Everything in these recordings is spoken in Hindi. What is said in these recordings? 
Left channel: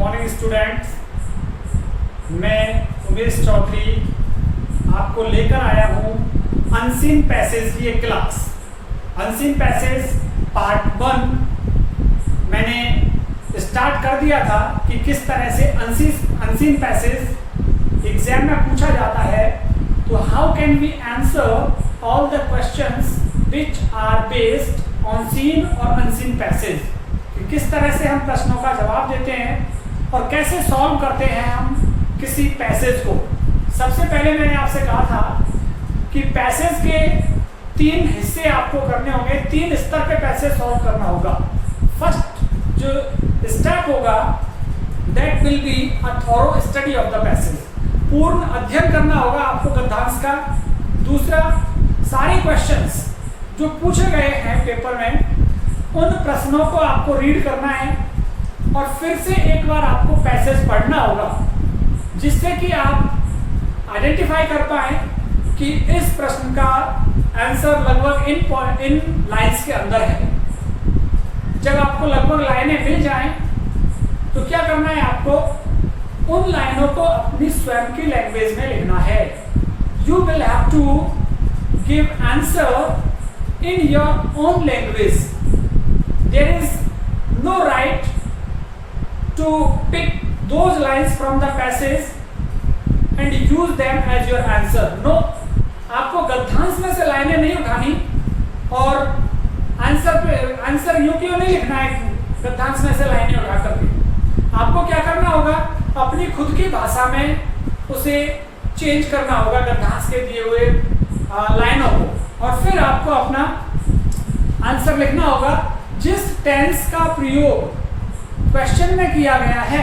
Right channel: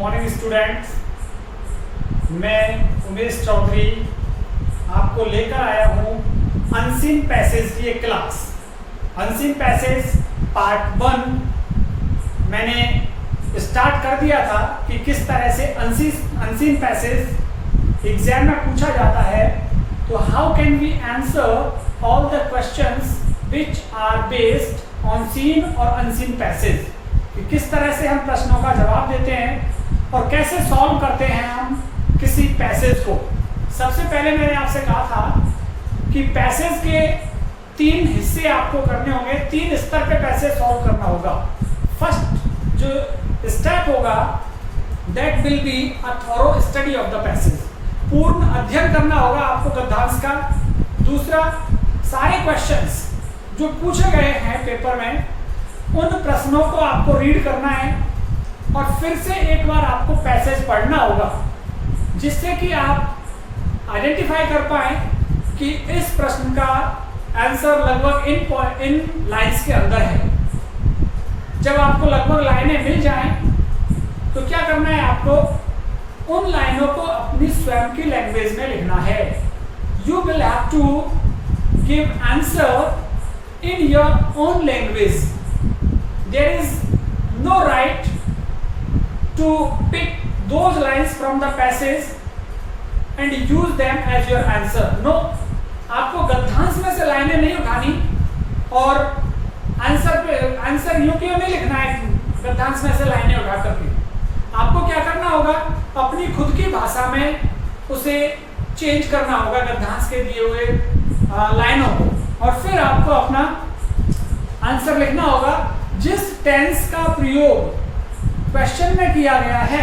मॉर्निंग स्टूडेंट्स, मैं उमेश चौधरी आपको लेकर आया हूँ अनसीन पैसेज की एक क्लास। अनसीन पैसेज पार्ट 1 मैंने स्टार्ट कर दिया था कि किस तरह से अनसीन पैसेज एग्जाम में पूछा जाता है। तो how can we answer all the questions which are based on seen और अनसीन पैसेज, कि किस तरह से हम प्रश्नों का जवाब देते हैं और कैसे सॉल्व करते हैं हम किसी पैसेज को। सबसे पहले मैंने आपसे कहा था कि पैसेज के 3 हिस्से आपको करने होंगे, 3 स्तर पे पैसेज सॉल्व करना होगा। फर्स्ट जो स्टेप होगा that will be a thorough study of the passage, पूर्ण अध्ययन करना होगा आपको गद्यांश का। दूसरा, सारे क्वेश्चंस जो पूछे गए हैं पेपर में उन प्रश्नों को आपको रीड करना है और फिर से एक बार आपको पैसेज पढ़ना होगा, जिससे कि आप आइडेंटिफाई कर पाए कि इस प्रश्न का आंसर लगभग इन लाइंस के अंदर है। जब आपको लगभग लाइनें मिल जाएं तो क्या करना है, आपको उन लाइनों को अपनी स्वयं की लैंग्वेज में लिखना है। You will have to give answer in your own language. There is no right to pick those lines from the passage and use them as your answer. No, आपको गद्यांश में से लाइनें नहीं उठानी और आंसर यूं क्यों नहीं लिखना है गद्यांश में से लाइनें उठा करके। आपको क्या करना होगा, अपनी खुद की भाषा में उसे चेंज करना होगा गद्यांश के दिए हुए लाइनों को, और फिर आपको अपना आंसर लिखना होगा। जिस टेंस का प्रयोग क्वेश्चन में किया गया है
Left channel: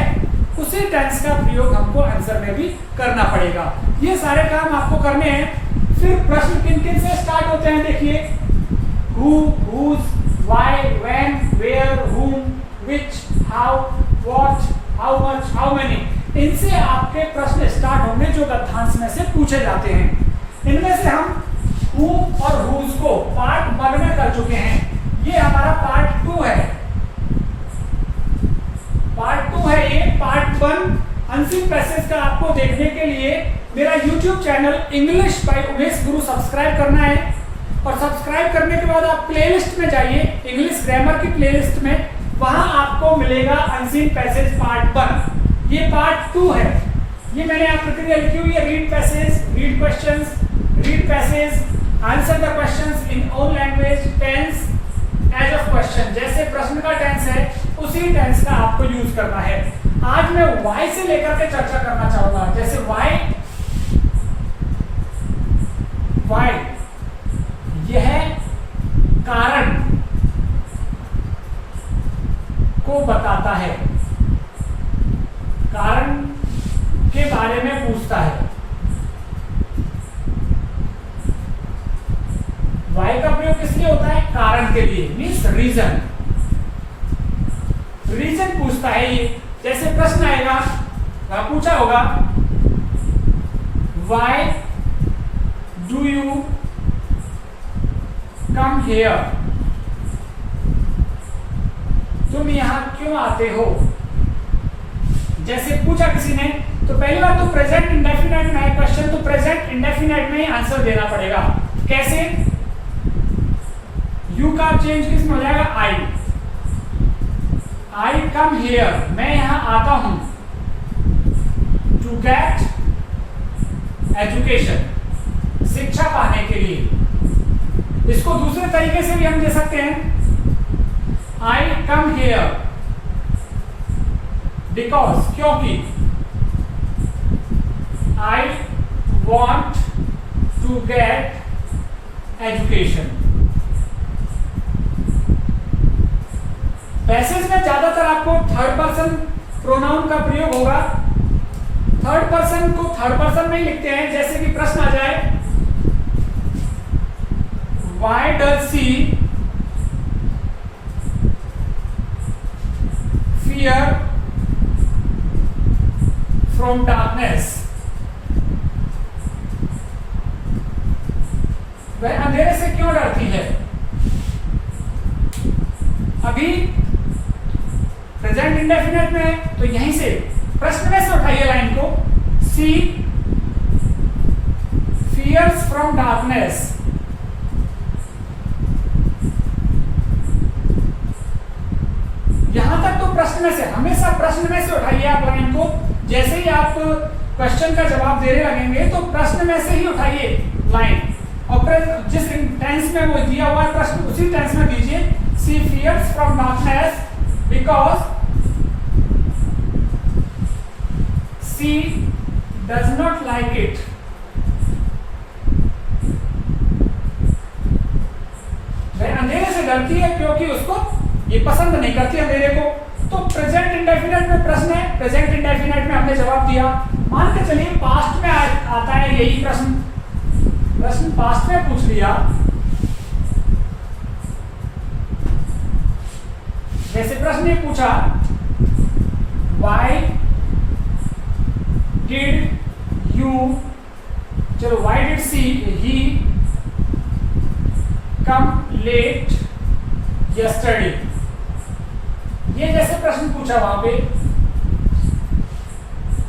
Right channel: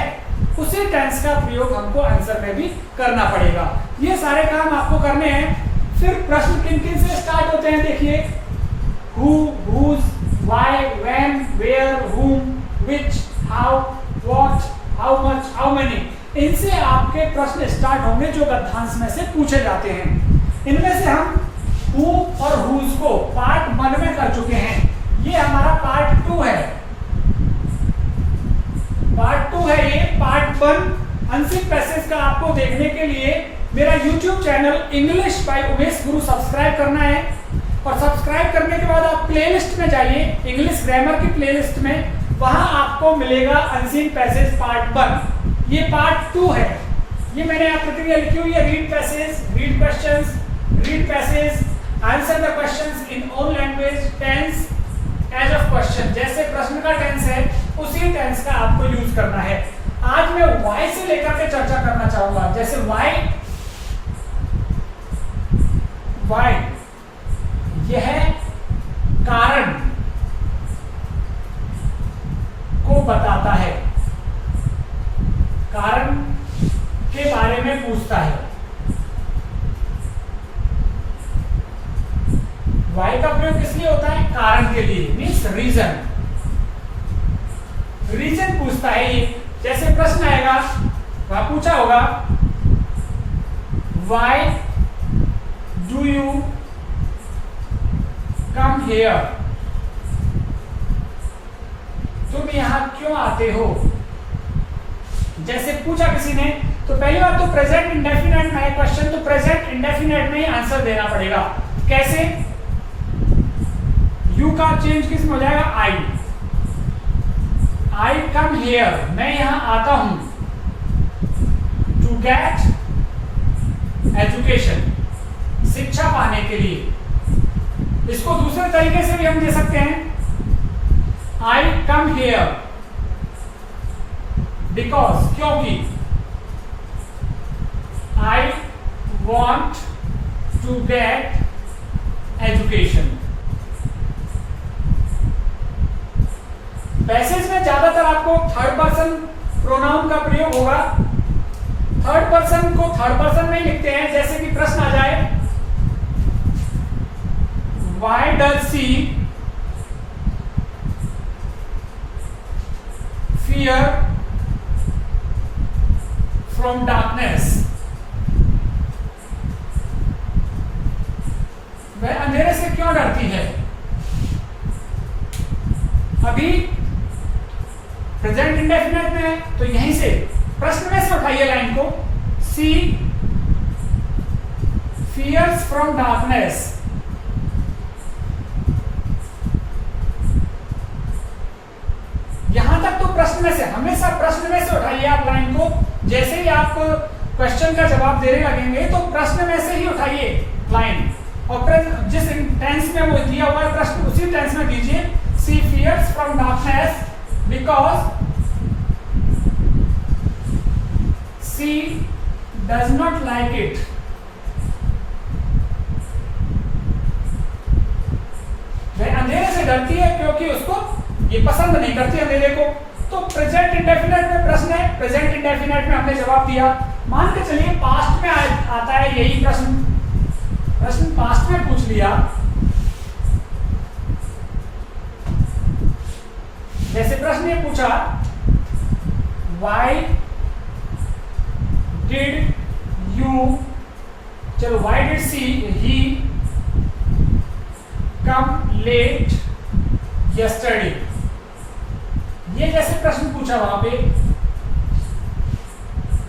उसी टेंस का प्रयोग हमको आंसर में भी करना पड़ेगा। ये सारे काम आपको करने हैं। फिर प्रश्न किन किन से स्टार्ट होते हैं, देखिए, who, whose, why, when, where, whom, which, how, what, how much, how many, इनसे आपके प्रश्न स्टार्ट होंगे जो गद्यांश में से पूछे जाते हैं। इनमें से हम हु और हुज को पार्ट 1 में कर चुके हैं। ये हमारा पार्ट 2 है। पार्ट 2 है ये। पार्ट 1 अनसीन पैसेज का आपको देखने के लिए मेरा YouTube channel English by Umesh Guru subscribe करना है, और सब्सक्राइब करने के बाद आप प्लेलिस्ट में जाइए, इंग्लिश ग्रामर की प्लेलिस्ट में, वहां आपको मिलेगा अनसीन पैसेज पार्ट 1। ये पार्ट 2 है। ये मैंने यहाँ प्रक्रिया लिखी हुई है, read passage, read questions, read passage, answer the questions in own language, tense as of question, जैसे प्रश्न का टेंस है उसी टेंस का आपको यूज करना है। आज मैं व्हाई से लेकर के चर्चा करना चाहूंगा। जैसे व्हाई यह कारण को बताता है, कारण के बारे में पूछता है। वाई का प्रयोग किस लिए होता है, कारण के लिए, मीन्स रीजन। रीजन पूछता है ये। जैसे प्रश्न आएगा, पूछा होगा, why do you come here, तुम यहां क्यों आते हो। जैसे पूछा किसी ने, तो पहली बात तो प्रेजेंट इंडेफिनिट में है क्वेश्चन, तो प्रेजेंट इंडेफिनिट में ही आंसर देना पड़ेगा। कैसे, यू का चेंज किस में हो जाएगा, आई कम हियर, मैं यहां आता हूं, टू गेट एजुकेशन, शिक्षा पाने के लिए। इसको दूसरे तरीके से भी हम दे सकते हैं, आई कम हियर बिकॉज, क्योंकि, I want to get education. Passage में ज्यादातर आपको थर्ड पर्सन प्रोनाउन का प्रयोग होगा। थर्ड पर्सन को थर्ड पर्सन में ही लिखते हैं। जैसे कि प्रश्न आ जाए, why does she fear from darkness, वह अंधेरे से क्यों डरती है। अभी प्रेजेंट इंडेफिनिट में है तो यहीं से से, प्रश्न में से उठाइए लाइन को, सी फियर्स फ्रॉम डार्कनेस। यहां तक तो प्रश्न में से, हमेशा प्रश्न में से उठाइए आप लाइन को। जैसे ही आप क्वेश्चन का जवाब देने लगेंगे तो प्रश्न में से ही उठाइए लाइन, और जिस टेंस में वो दिया हुआ है प्रश्न उसी टेंस में दीजिए। She fears from darkness because she does not like it. वह अंधेरे से डरती है क्योंकि उसको ये पसंद नहीं करती अंधेरे को। तो प्रेजेंट इंडेफिनिट में प्रश्न है, प्रेजेंट इंडेफिनिट में हमने जवाब दिया। मान के चलिए पास्ट में आता है यही प्रश्न, प्रश्न पास्ट में पूछ लिया। जैसे प्रश्न ये पूछा, व्हाई डिड यू, चलो why did he come late yesterday, ये जैसे प्रश्न पूछा वहां पे,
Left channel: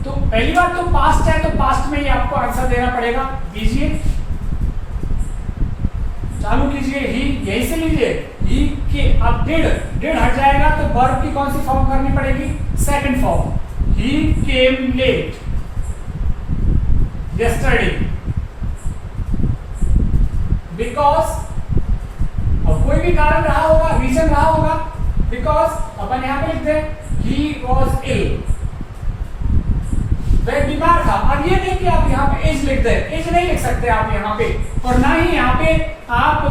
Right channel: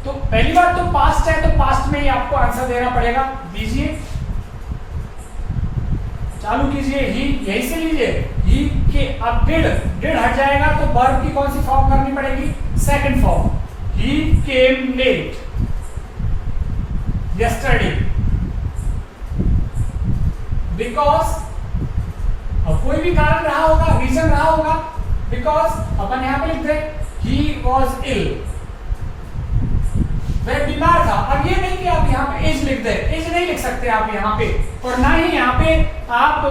तो पहली बात तो पास्ट है तो पास्ट में ही आपको आंसर देना पड़ेगा। दीजिए, चालू कीजिए, ही यही से लीजिए, ही के अब डिड हट जाएगा तो वर्ब की कौन सी फॉर्म करनी पड़ेगी, second form, he came late yesterday because, अब कोई भी कारण रहा होगा, रीजन रहा होगा, बिकॉज अपन यहां पे लिख दे ही वॉज इल, वह बीमार था। अब ये नहीं कि आप यहाँ पे एज लिख दे, एज नहीं लिख सकते आप यहाँ पे, और ना ही यहाँ पे आप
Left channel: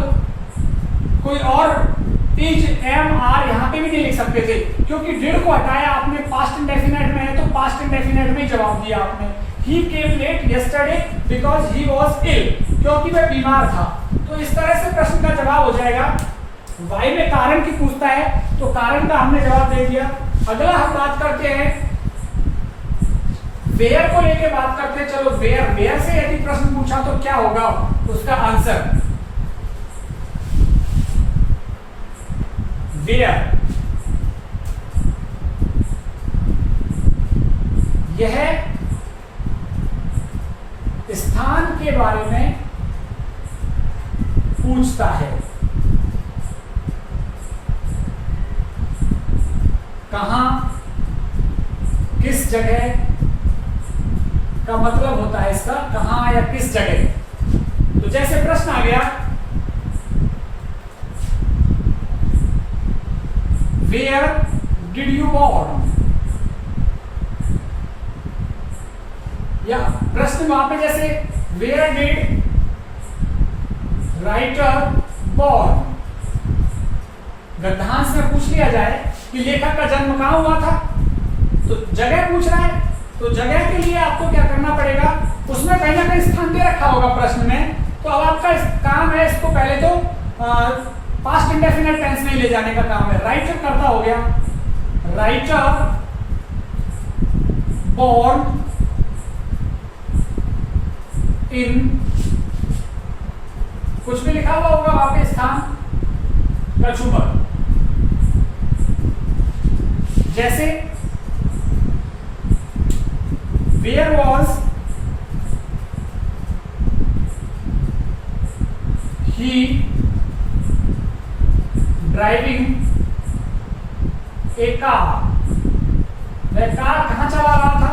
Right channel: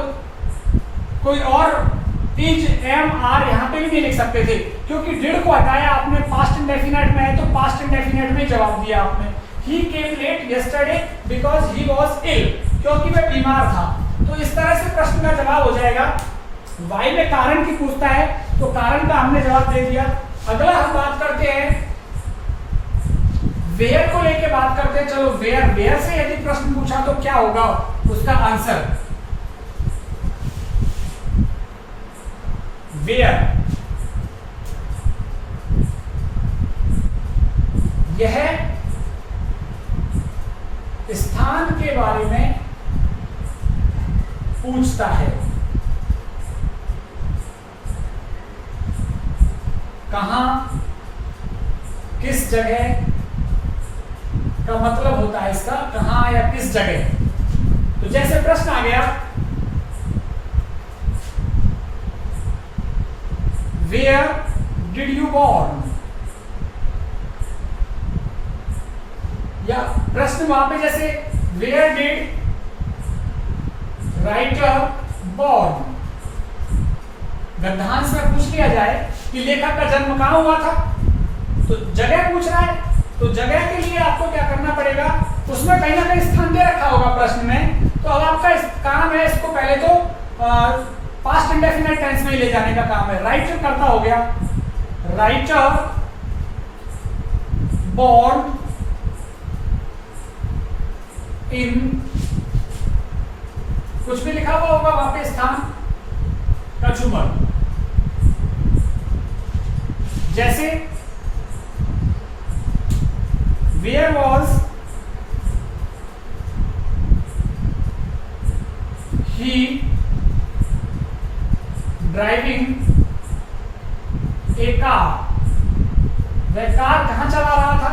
कोई और एज एम आर यहाँ पे भी नहीं लिख सकते थे, क्योंकि डिड को हटाया आपने, पास्ट इंडेफिनिट में है तो पास्ट इंडेफिनिट में जवाब दिया आपने। He came late yesterday because he was ill, क्योंकि वह बीमार था। तो इस तरह से प्रश्न का जवाब हो जाएगा। वाई में कारण की पूछता है तो कारण का हमने जवाब दे दिया। अगला हम बात करते हैं वेयर को लेके बात करते हैं। चलो वेयर, वेयर से यदि प्रश्न पूछा तो क्या होगा उसका आंसर, वेयर, यह स्थान के बारे में पूछता है। कहां, किस जगह का मतलब होता है इसका, कहां या किस जगह। तो जैसे प्रश्न आ गया, वेयर डिड यू बॉर्न, या प्रश्न वहां पे जैसे वेयर डिड राइटर बॉर्न, गद्यांश में पूछ लिया जाए कि लेखक का जन्म कहां हुआ था, तो जगह पूछ रहा है, तो जगह के लिए आपको क्या करना पड़ेगा, उसमें कहीं ना कहीं स्थान दे रखा होगा प्रश्न में। तो अब आपका काम है इसको पहले तो पास्ट इंडेफिनिट टेंस में ले जाने का काम है। राइटर करता हो गया, राइटर बॉर्न इन, कुछ भी लिखा हुआ होगा वहां पे स्थान, कचूमर। जैसे where was he driving a car, वह कार कहां चला रहा था,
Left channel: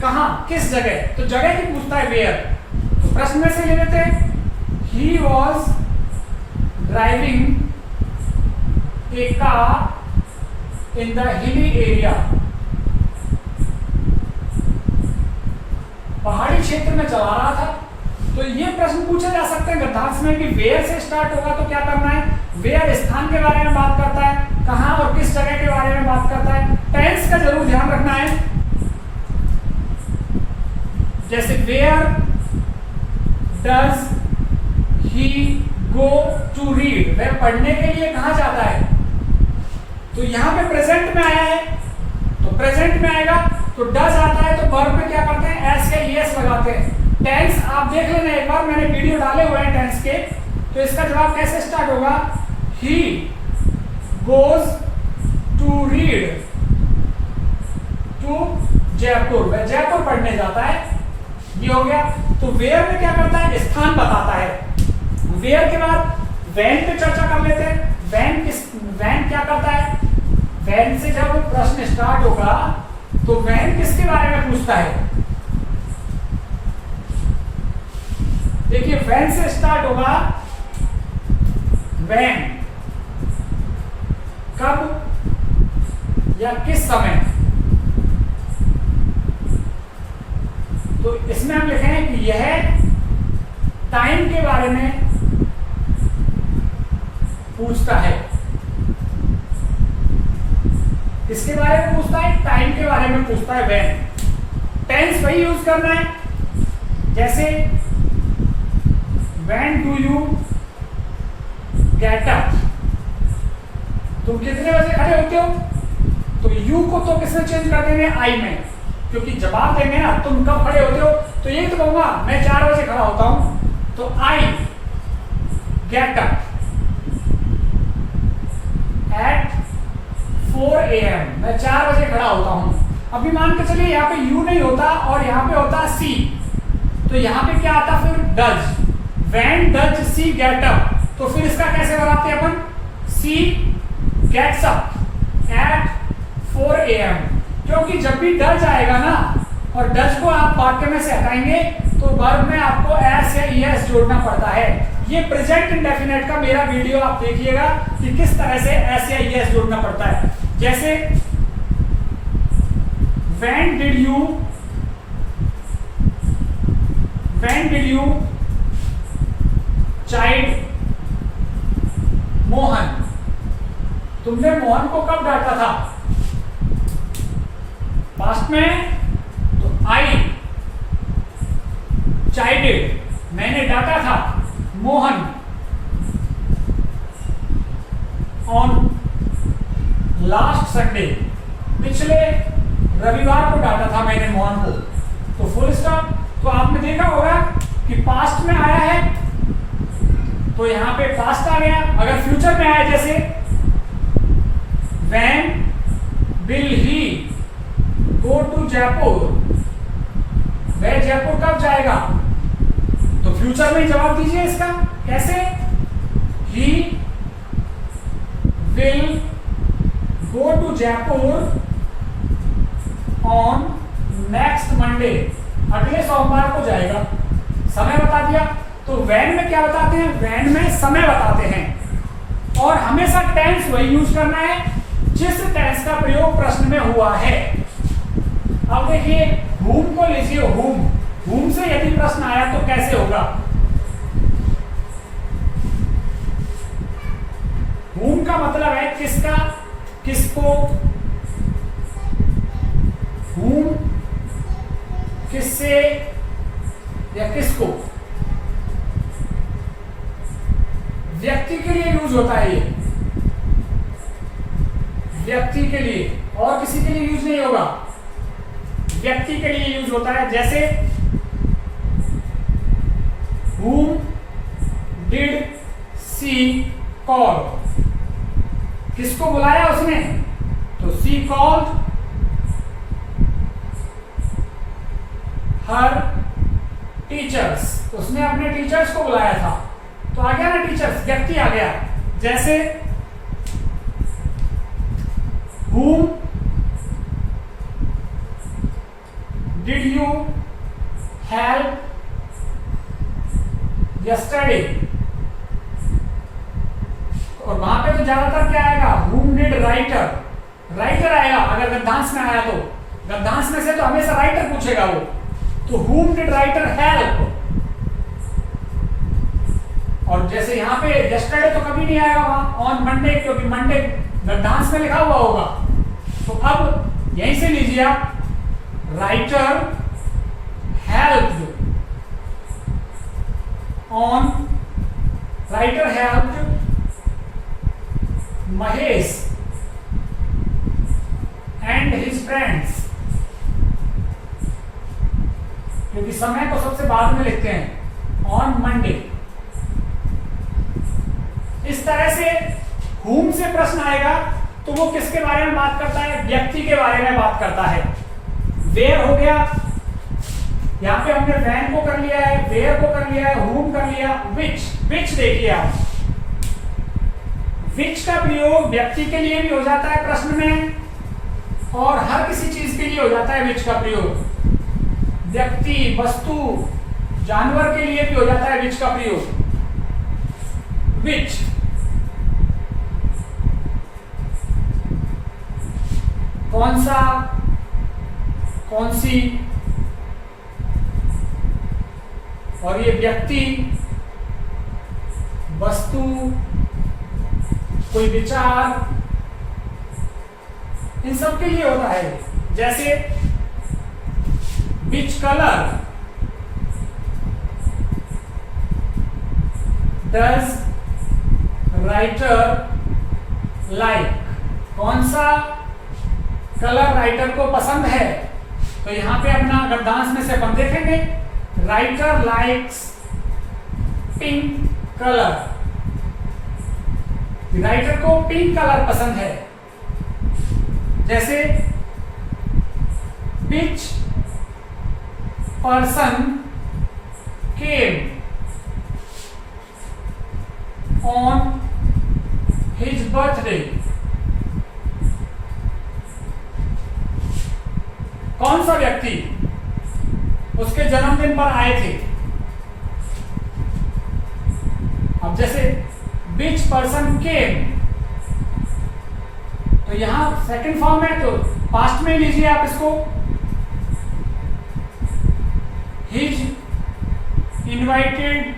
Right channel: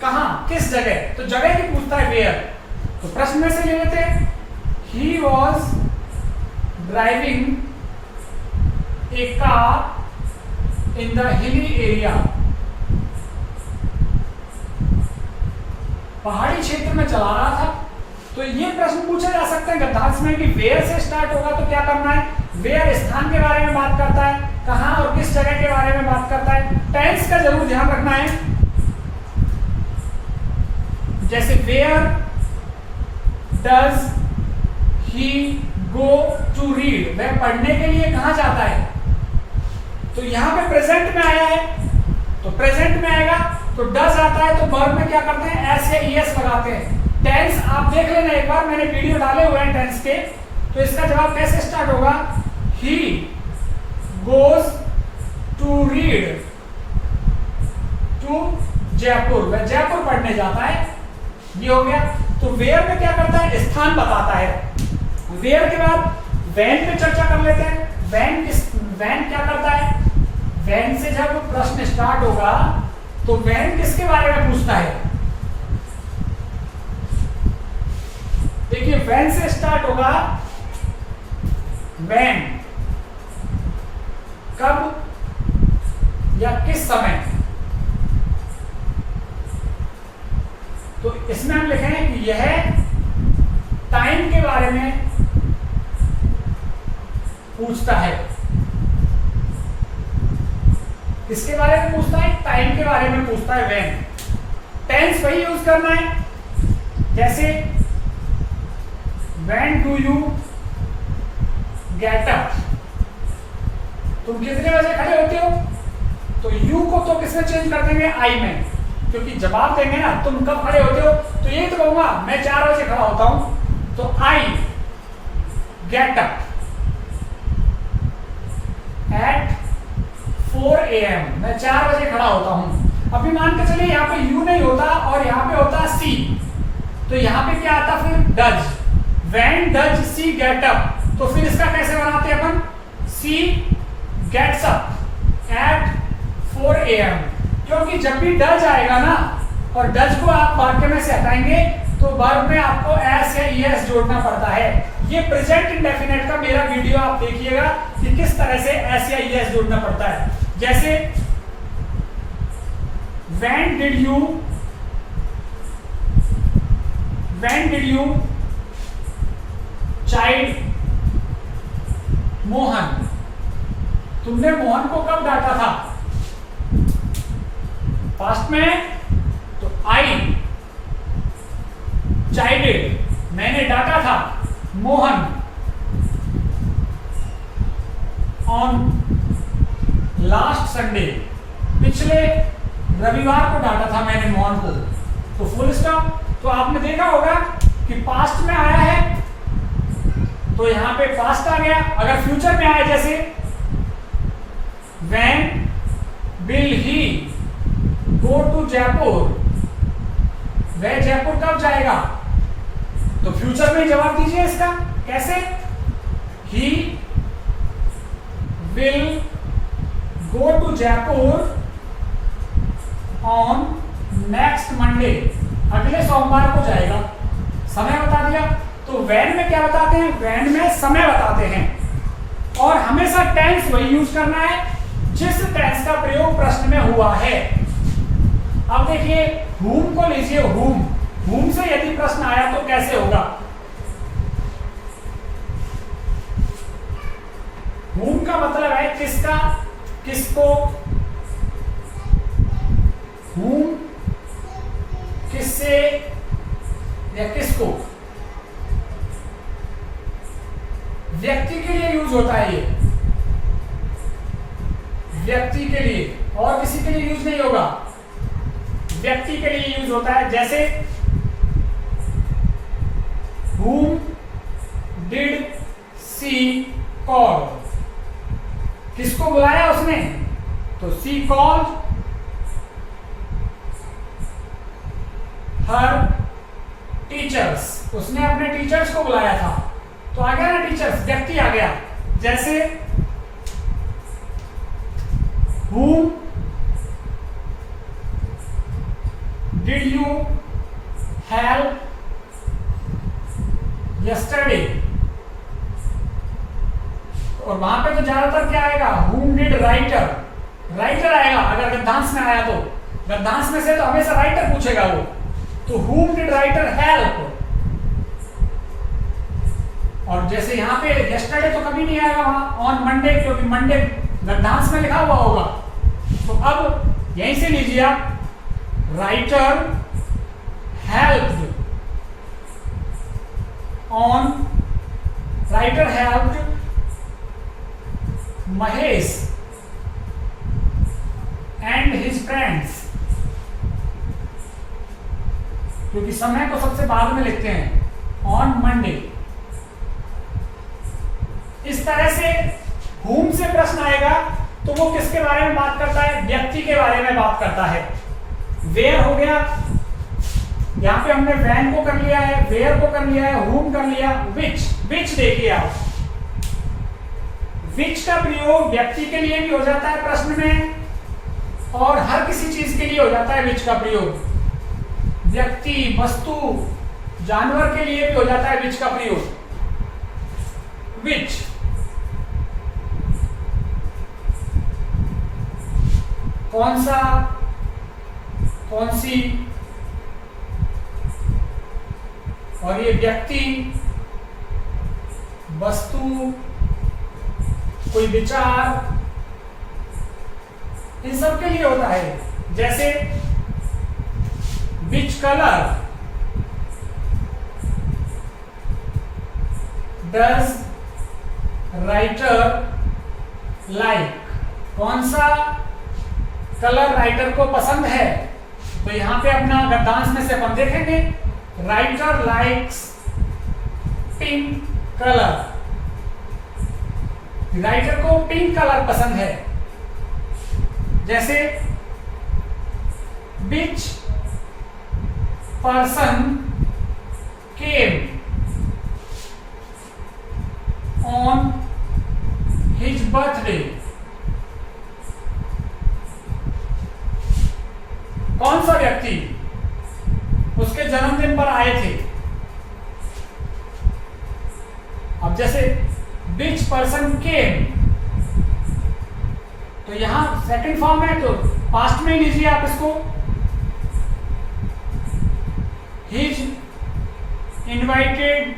कहां, किस जगह, तो जगह की पूछता है वेयर। तो प्रश्न में से ले लेते हैं, he was driving a car in the hilly area, पहाड़ी क्षेत्र में चला रहा था। तो ये प्रश्न पूछे जा सकते हैं गद्यांश में कि वेयर से स्टार्ट होगा तो क्या करना है, वेयर स्थान के बारे में बात करता है, कहां और किस जगह के बारे में बात करता है। टेंस का जरूर ध्यान रखना है, जैसे where does he go to read, वह पढ़ने के लिए कहां जाता है। तो यहां पे प्रेजेंट में आया है तो प्रेजेंट में आएगा, तो डज आता है तो वर्ब में क्या करते हैं, एस या ईएस लगाते हैं। टेंस आप देख लेना एक बार, मैंने वीडियो डाले हुए हैं टेंस के, तो इसका जवाब कैसे स्टार्ट होगा, he goes to read to Jaipur, वह जयपुर पढ़ने जाता है। ये हो गया। तो वेयर में क्या करता है, स्थान बताता है। वेयर के बाद वैन पे चर्चा कर लेते हैं। वैन क्या करता है, वैन से जब प्रश्न स्टार्ट होगा तो वैन किसके बारे में पूछता है। देखिए वैन से स्टार्ट होगा, वैन कब या किस समय। तो इसमें हम लिखेंगे कि यह टाइम के बारे में पूछता है। किसके बारे में पूछता है, टाइम के बारे में पूछता है व्हेन। टेंस वही यूज करना है, जैसे when do you get up, तुम कितने बजे खड़े होते हो। तो यू को तो किसमें चेंज कर देंगे, आई में, क्योंकि जवाब देंगे ना तुम कब खड़े होते हो, तो यही तो कहूंगा मैं 4 बजे खड़ा होता हूं। तो I get up at 4 AM, मैं 4 बजे खड़ा होता हूं। अभी मान के चलिए यहाँ पे यू नहीं होता और यहाँ पे होता सी, तो यहाँ पे क्या आता फिर does, when does she get up. तो फिर इसका कैसे बनाते हैं अपन, सी गेट्स अप एट 4 AM, क्योंकि जब भी डज आएगा ना और डज को आप वाक्य में से हटाएंगे तो वर्ब में आपको एस या ईएस जोड़ना पड़ता है। ये प्रेजेंट इंडेफिनिट का मेरा वीडियो आप देखिएगा कि किस तरह से एस या ईएस जोड़ना पड़ता है। जैसे when did you child Mohan, तुमने मोहन को कब डांटा था, पास्ट में, तो आई चाइल्ड, मैंने डांटा था मोहन ऑन लास्ट संडे, पिछले रविवार को डांटा था मैंने मोहन को। तो फुल स्टॉप। तो आपने देखा होगा कि पास्ट में आया है तो यहां पे पास्ट आ गया। अगर फ्यूचर में आया जैसे when will he go to Jaipur, वह जयपुर कब जाएगा, तो फ्यूचर में जवाब दीजिए इसका। कैसे, he will go to Jaipur on next Monday, अगले सोमवार को जाएगा। समय बता दिया। तो वैन में क्या बताते हैं, वैन में समय बताते हैं। और हमेशा टेंस वही यूज करना है जिस टेंस का प्रयोग प्रश्न में हुआ है। अब देखिए whom को लीजिए, whom से यदि प्रश्न आया तो कैसे होगा। whom का मतलब है किसका, किसको, whom किससे या किसको, व्यक्ति के लिए यूज होता है ये, व्यक्ति के लिए, और किसी के लिए यूज नहीं होगा, व्यक्ति के लिए यूज होता है। जैसे whom did she call, किसको बुलाया उसने, तो she called her teachers, उसने अपने टीचर्स को बुलाया था। तो आ गया ना टीचर्स, व्यक्ति आ गया। जैसे whom did you help yesterday, और वहां पे तो ज्यादातर क्या आएगा, whom did राइटर आएगा। अगर गद्यांश में आया तो गद्यांश में से तो हमेशा राइटर पूछेगा वो, तो whom did writer help। और जैसे यहाँ पे yesterday तो कभी नहीं आएगा वहां, ऑन मंडे, क्योंकि मंडे गद्यांश में लिखा हुआ होगा। तो अब यहीं से लीजिए आप, writer helped on, writer helped Mahesh and his friends, क्योंकि समय को सबसे बाद में लिखते हैं, ऑन मंडे। इस तरह से whom से प्रश्न आएगा तो वो किसके बारे में बात करता है, व्यक्ति के बारे में बात करता है। वेयर हो गया, यहाँ पे हमने वैन को कर लिया है, वेयर को कर लिया है, हुम कर लिया, विच। विच देखिए आप, विच का प्रयोग व्यक्ति के लिए भी हो जाता है प्रश्न में, और हर किसी चीज के लिए हो जाता है विच का प्रयोग। व्यक्ति, वस्तु, जानवर के लिए भी हो जाता है विच का प्रयोग। विच, कौन सा, कौन सी, और ये व्यक्ति, वस्तु, कोई विचार, इन सब के लिए होता है। जैसे which colour does writer like, कौन सा कलर राइटर को पसंद है। तो यहां पे अपना गद्यांश में से अपन देखेंगे, writer likes pink colour, writer को पिंक कलर पसंद है। जैसे which person came on his birthday, कौन सा व्यक्ति उसके जन्मदिन पर आए थे। अब जैसे विच पर्सन केम, तो यहां सेकंड फॉर्म है तो पास्ट में लीजिए आप इसको, his invited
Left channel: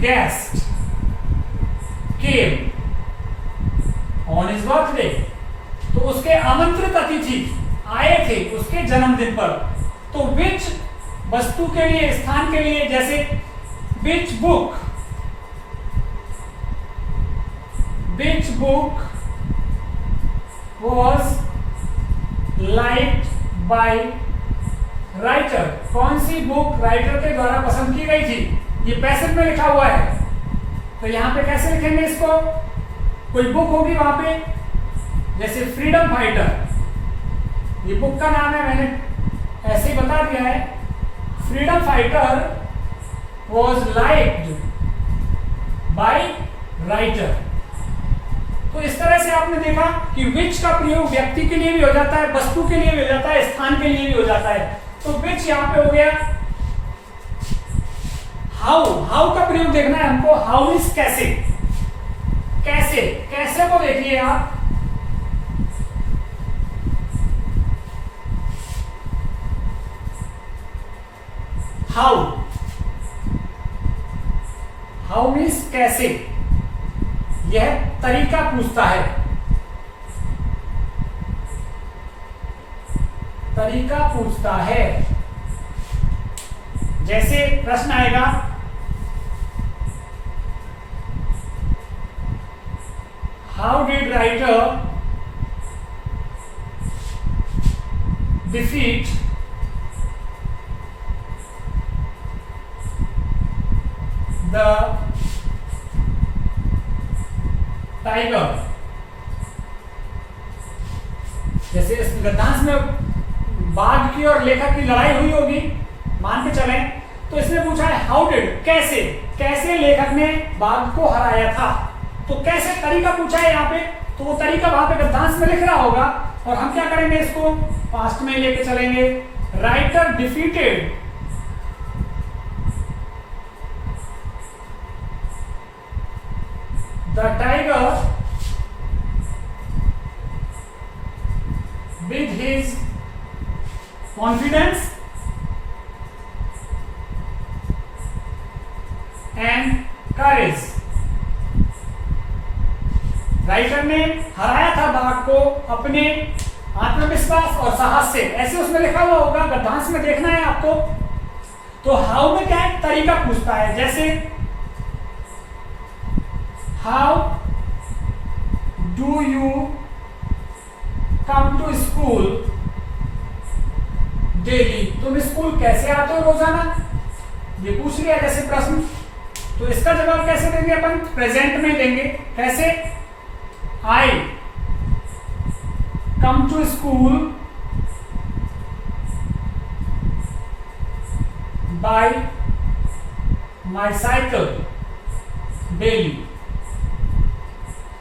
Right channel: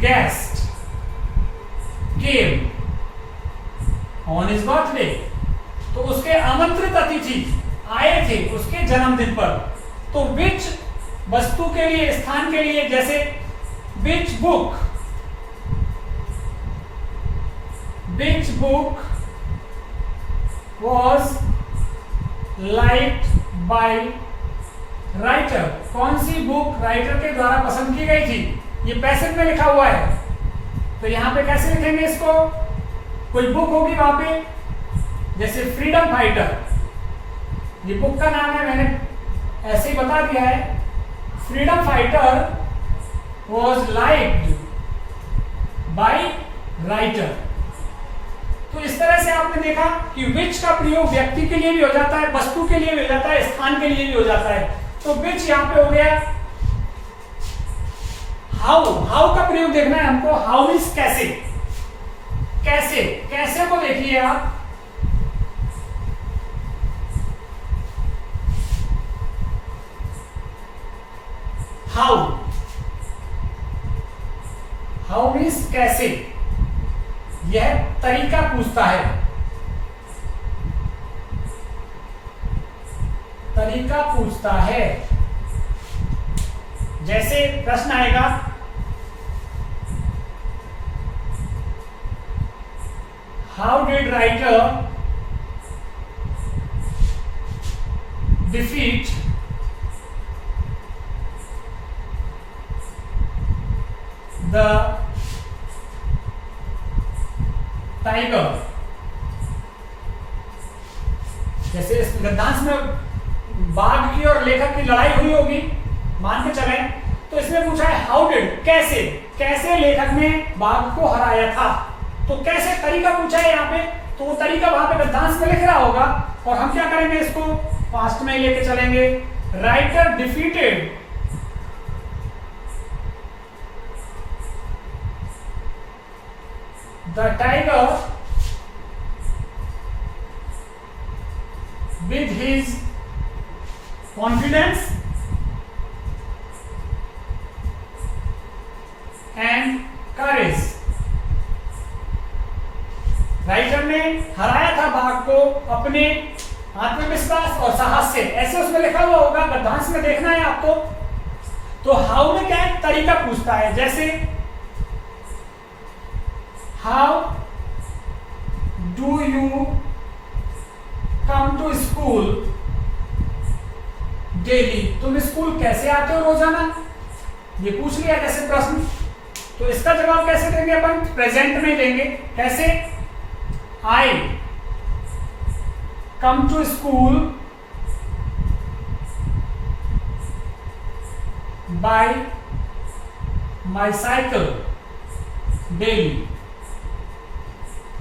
guest came on his birthday, तो उसके आमंत्रित अतिथि आए थे उसके जन्मदिन पर। तो विच वस्तु के लिए, स्थान के लिए, जैसे which book, which book was liked by writer, कौन सी बुक राइटर के द्वारा पसंद की गई थी। ये पैसिव में लिखा हुआ है, तो यहां पे कैसे लिखेंगे इसको, कोई बुक होगी वहां पे, जैसे फ्रीडम फाइटर, ये बुक का नाम है, मैंने ऐसे ही बता दिया है। Freedom fighter was liked by writer। तो इस तरह से आपने देखा कि विच का प्रयोग व्यक्ति के लिए भी हो जाता है, वस्तु के लिए भी हो जाता है, स्थान के लिए भी हो जाता है। तो विच यहां पे हो गया। हाउ, हाउ का प्रयोग देखना है हमको, हाउ इज कैसे, कैसे, कैसे को देखिए आप, हाउ, हाउ मीन्स कैसे, यह तरीका पूछता है, तरीका पूछता है। जैसे प्रश्न आएगा, how did writer defeat the tiger. जैसे इस गद्यांश में बाघ की और लेखक की लड़ाई हुई होगी, मान के चले, तो इसने पूछा है हाउ डिड, कैसे, कैसे लेखक ने बाघ को हराया था। तो कैसे तरीका पूछा है यहाँ पे, तो वो तरीका वहां पे गद्यांश में लिख रहा होगा, और हम क्या करेंगे, इसको पास्ट में लेके चलेंगे। Writer defeated the tiger with his confidence and courage। Writer ने हराया था बाघ को अपने आत्मविश्वास और साहस से, ऐसे उसमें लिखा हुआ होगा, गद्यांश में देखना है आपको। तो हाउ में क्या है, तरीका पूछता है। जैसे how do you come to school daily, तुम स्कूल कैसे आते हो रोजाना, ये पूछ लिया जैसे प्रश्न। तो इसका जवाब कैसे देंगे अपन, प्रेजेंट में देंगे। कैसे, I come to school by my cycle daily.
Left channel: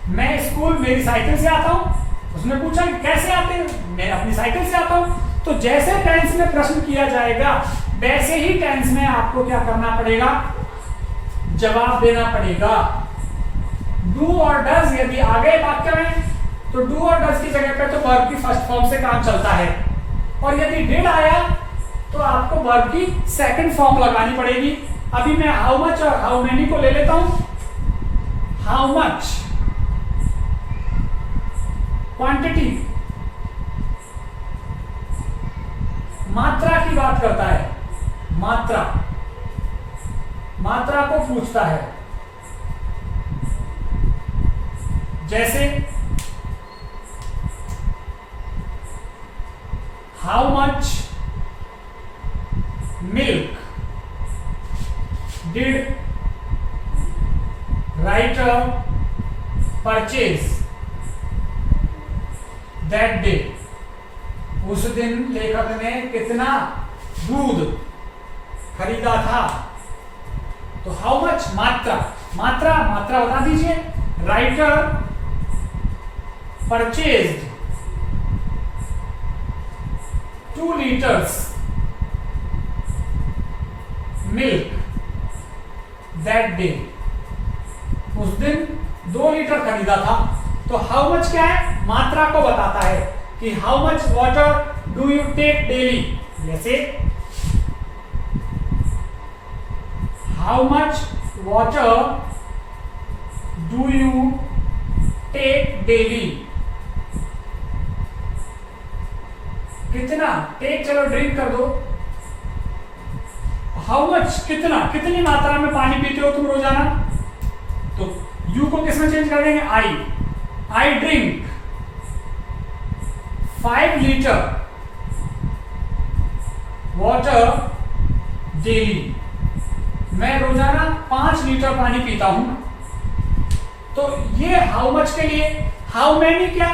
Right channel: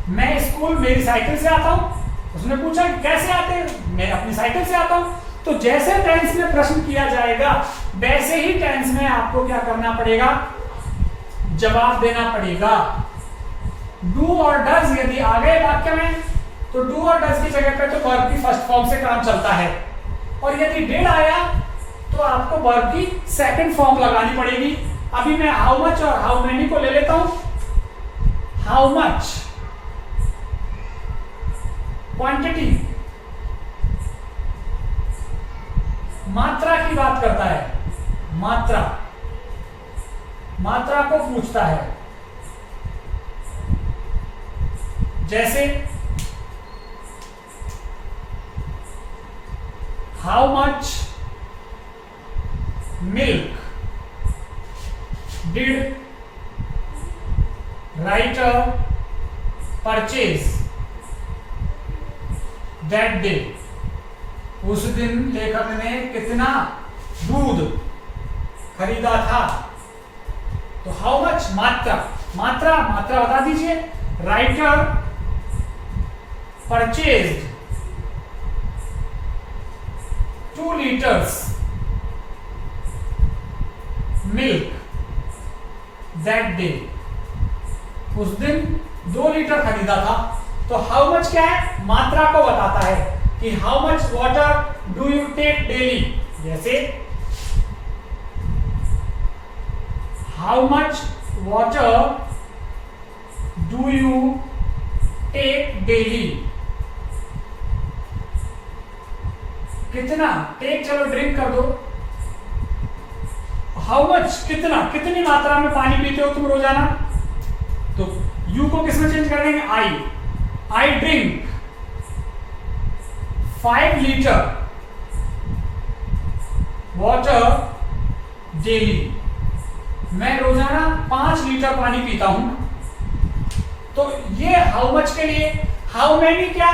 मैं स्कूल मेरी साइकिल से आता हूं। उसने पूछा कैसे आते हैं, मैं अपनी साइकिल से आता हूं। तो जैसे टेंस में प्रश्न किया जाएगा वैसे ही टेंस में आपको क्या करना पड़ेगा, जवाब देना पड़ेगा। डू और डज यदि आ गए वाक्य में तो डू और डज की जगह पे तो वर्ब की फर्स्ट फॉर्म से काम चलता है, और यदि डिड आया तो आपको वर्ब की सेकंड फॉर्म लगानी पड़ेगी। अभी मैं हाउ मच और हाउ मेनी को ले लेता हूं। हाउ मच क्वांटिटी, मात्रा की बात करता है, मात्रा, मात्रा को पूछता है। जैसे how much milk did writer purchase that day. उस दिन लेखक ने कितना दूध खरीदा था। तो हाउ मच मात्रा, मात्रा मात्रा बता दीजिए। Writer purchased 2 liters milk that day. उस दिन 2 लीटर खरीदा था। तो हाउ मच क्या है, मात्रा को बताता है कि how much water do you take daily. जैसे how much water do you take daily. कितना, टेक चलो ड्रिंक कर दो। हाउ मच कितना, कितनी मात्रा में पानी पीते हो तुम रोजाना। तो यू को किसमें चेंज कर देंगे, I drink 5 litre water daily. मैं रोजाना 5 लीटर पानी पीता हूं। तो ये हाउ मच के लिए। हाउ मेनी क्या,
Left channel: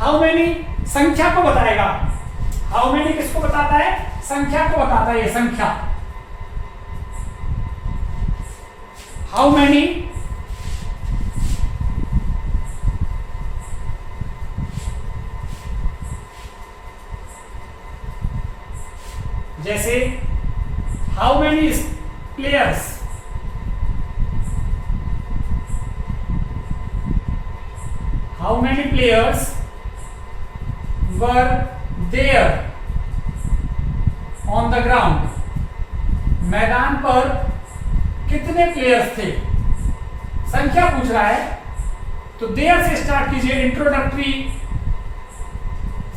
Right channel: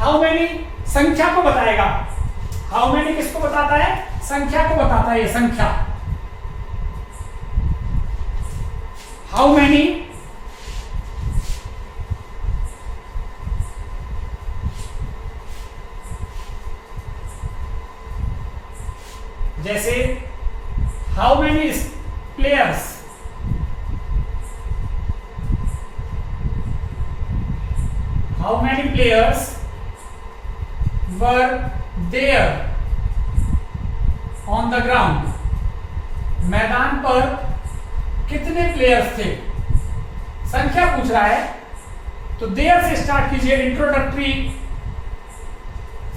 हाउ मेनी संख्या को बताएगा। हाउ मेनी किसको बताता है, संख्या को बताता है, ये संख्या। हाउ मेनी जैसे how many players how many players were there on the ground. मैदान पर कितने प्लेयर्स थे, संख्या पूछ रहा है। तो देयर से स्टार्ट कीजिए। इंट्रोडक्टरी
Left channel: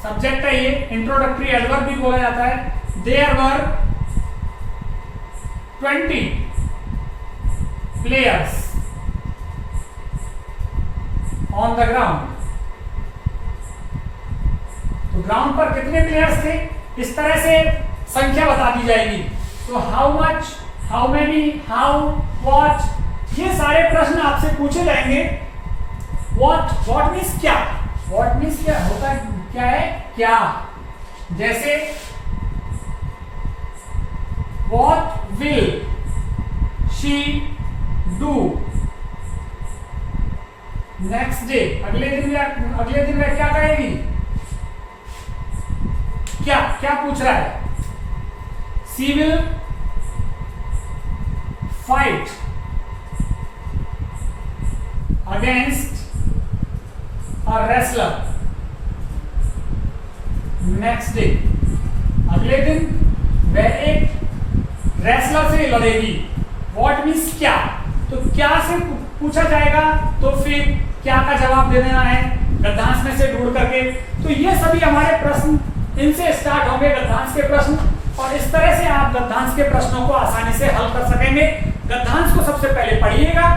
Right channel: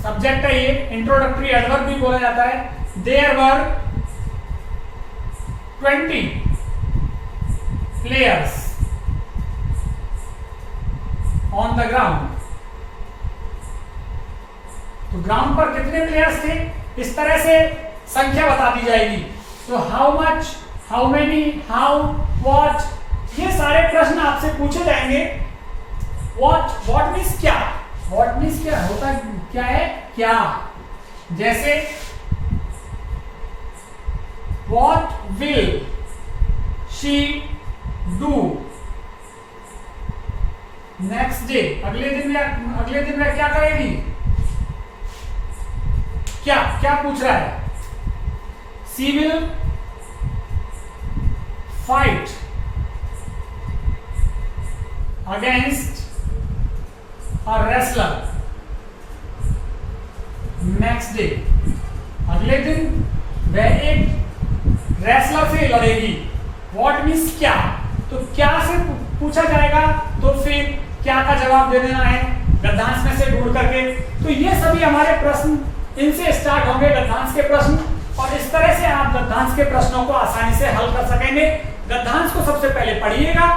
सब्जेक्ट है ये, इंट्रोडक्टरी एडवर्ब भी बोला जाता है। There were 20 players on the ground. तो ग्राउंड पर कितने प्लेयर्स थे, इस तरह से संख्या बता दी जाएगी। तो how much, how many, how, what, ये सारे प्रश्न आपसे पूछे जाएंगे। व्हाट मीन्स क्या, व्हाट मीन्स क्या होता है, क्या है, क्या। जैसे what will she do next day. अगले दिन वह क्या करेगी। क्या क्या पूछ रहा है, she will fight against a wrestler next day. अगले दिन वह एक रेसलर से लड़ेगी। व्हाट मीन्स क्या। तो क्या से पूछा जाएगा तो फिर क्या का जवाब दे देना है गद्यांश में से ढूंढ करके। तो ये सभी हमारे प्रश्न, इनसे स्टार्ट होंगे गद्यांश के प्रश्न, और इस तरह से आप गद्यांश के प्रश्नों को आसानी से हल कर सकेंगे। गद्यांश को सबसे पहले पढ़िएगा,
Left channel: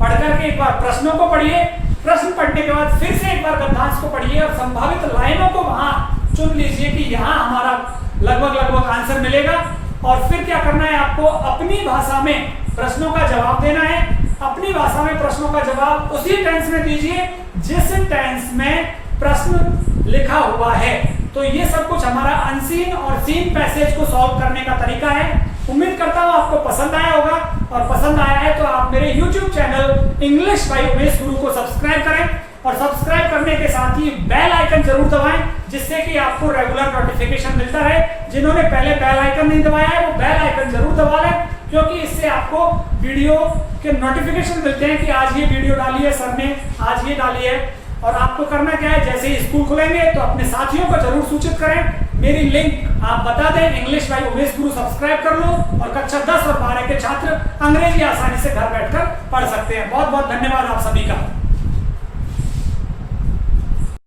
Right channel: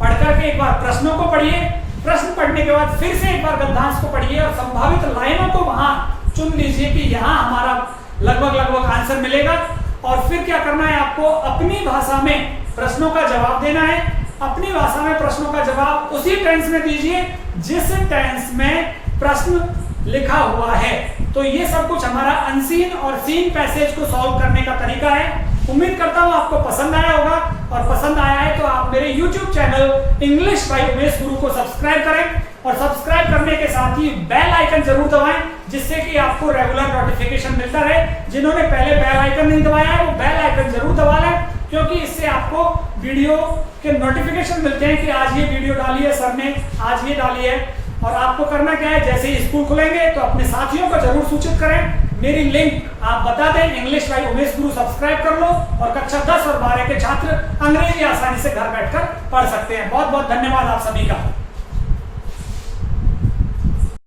पढ़ करके एक बार प्रश्नों को पढ़िए, प्रश्न पढ़ने के बाद फिर से एक बार गद्यांश को पढ़िए और संभावित लाइनों को वहां चुन लीजिए कि यहाँ हमारा लगभग आंसर मिलेगा। और फिर क्या करना है, आपको अपनी भाषा में प्रश्नों का जवाब देना है। अपनी भाषा में प्रश्नों का जवाब उसी टेंस में दीजिए जिस टेंस में प्रश्न लिखा हुआ है। तो ये सब कुछ हमारा अनसीन और सीन पैसेज को सॉल्व करने का तरीका है। उम्मीद करता हूं आपको पसंद आया होगा, और पसंद आया है तो आप मेरे YouTube channel English by Umesh गुरु को सब्सक्राइब करें, और सब्सक्राइब करने के साथ ही बेल आइकन जरूर दबाएं, जिससे कि आपको रेगुलर नोटिफिकेशन मिलता रहे। जिन्होंने पहले बेल आइकन नहीं दबाया है वो बेल आइकन जरूर दबा लें, क्योंकि इससे आपको वीडियो के नोटिफिकेशन मिलते हैं कि आज ये वीडियो डाली है सर ने, आज ये डाली है। और आपको करना क्या है, जैसे ही स्कूल खुलेंगे तो अपने साथियों को जरूर सूचित करें, मेरी लिंक आप बता दें, English by Umesh Guru subscribe कर लो, और कक्षा 10 और 12 के छात्र अंग्रेजी आसानी से घर बैठकर पढ़ सकते हैं। बहुत बहुत धन्यवाद आप सभी का।